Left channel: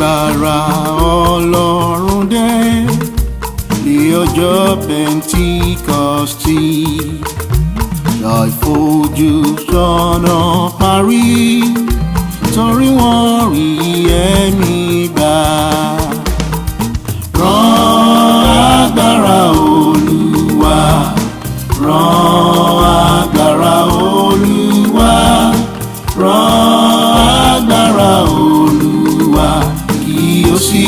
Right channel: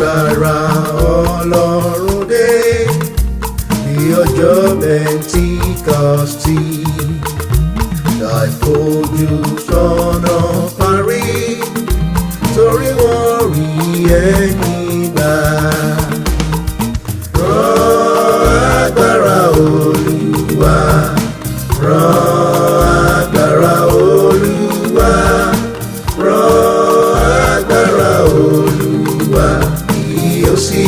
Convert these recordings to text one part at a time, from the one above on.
agbára Ọlọ́run dé ní ọjọ́ Pentikọ́stì. Àìfojúsọ́nà parí torí wọ́n rí ẹ̀mí gbà. Rán agbára Olúwa, rán agbára Olúwa, rán agbára Olúwa kí ó sì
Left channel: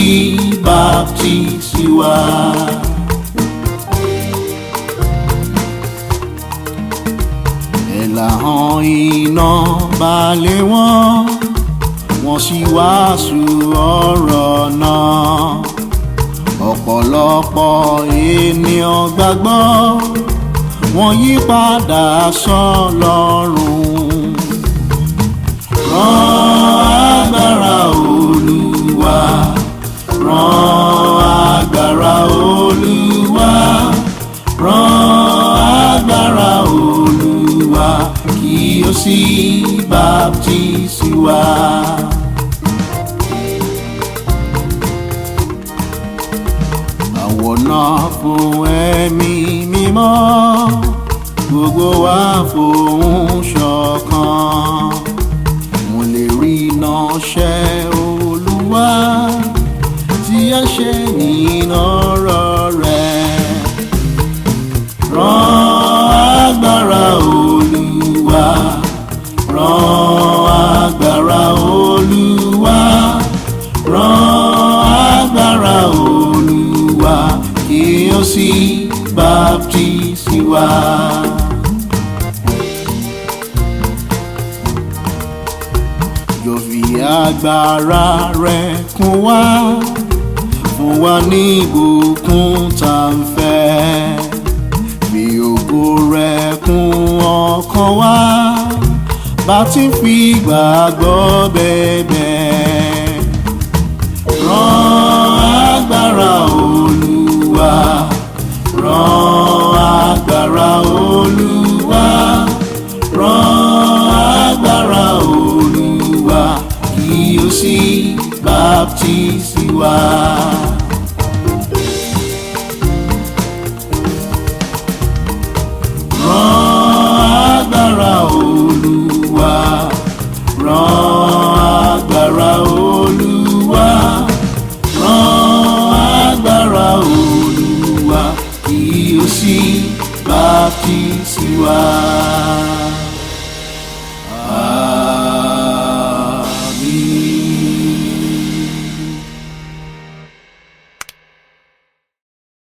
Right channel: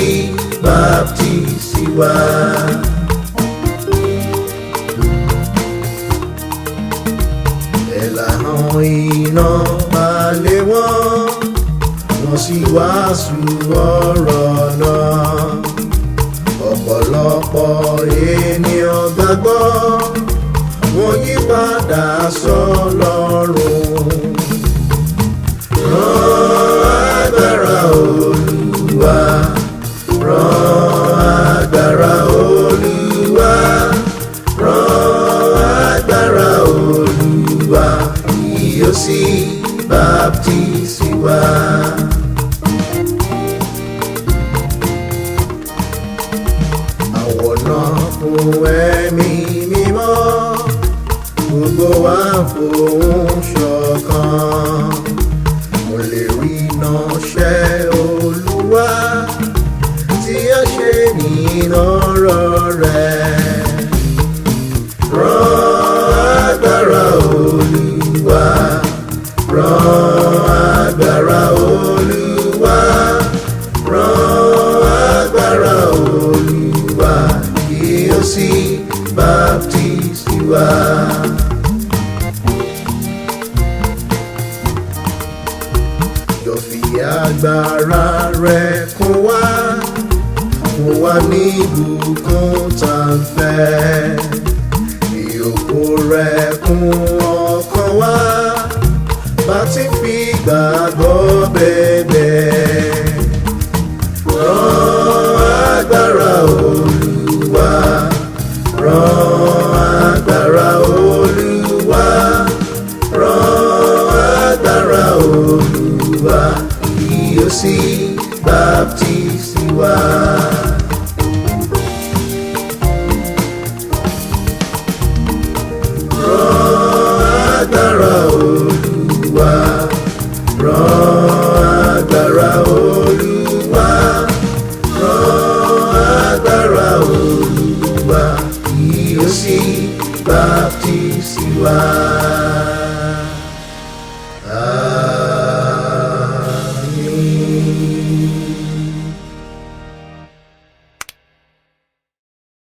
baptisi wa. Ẹ̀làhàn iná balẹ̀ wọ́n sì wàásù ọ̀rọ̀ náà. Ọ̀pọ̀lọpọ̀ ènìyàn gbàgbọ́, wọ́n yí padà sọ́lọ́run. Rán agbára Olúwa, rán agbára Olúwa, rán agbára Olúwa kí ó sì baptisi wa. Àwọ̀nà fún ẹ̀mí mímọ́, gbogbo wa fohùn ṣọ̀kan. Mo lè rí iná ṣẹ́ Olúwa tí a ṣe nínú ọ̀rọ̀ rẹ̀. Rán agbára Olúwa, rán agbára Olúwa, rán agbára Olúwa kí ó sì baptisi wa. Yóò fi agbára rẹ̀ kún wa, fún wa ní ìbùkún tá ń fẹ́. Fi ògo rẹ̀ kún ọkàn wa, bá ti fi gbàgbọ́ bẹ̀bẹ̀. Rán agbára Olúwa, rán agbára Olúwa, rán agbára Olúwa kí ó sì baptisi wa. Rán agbára Olúwa, rán agbára Olúwa, rán agbára Olúwa kí ó sì baptisi wa.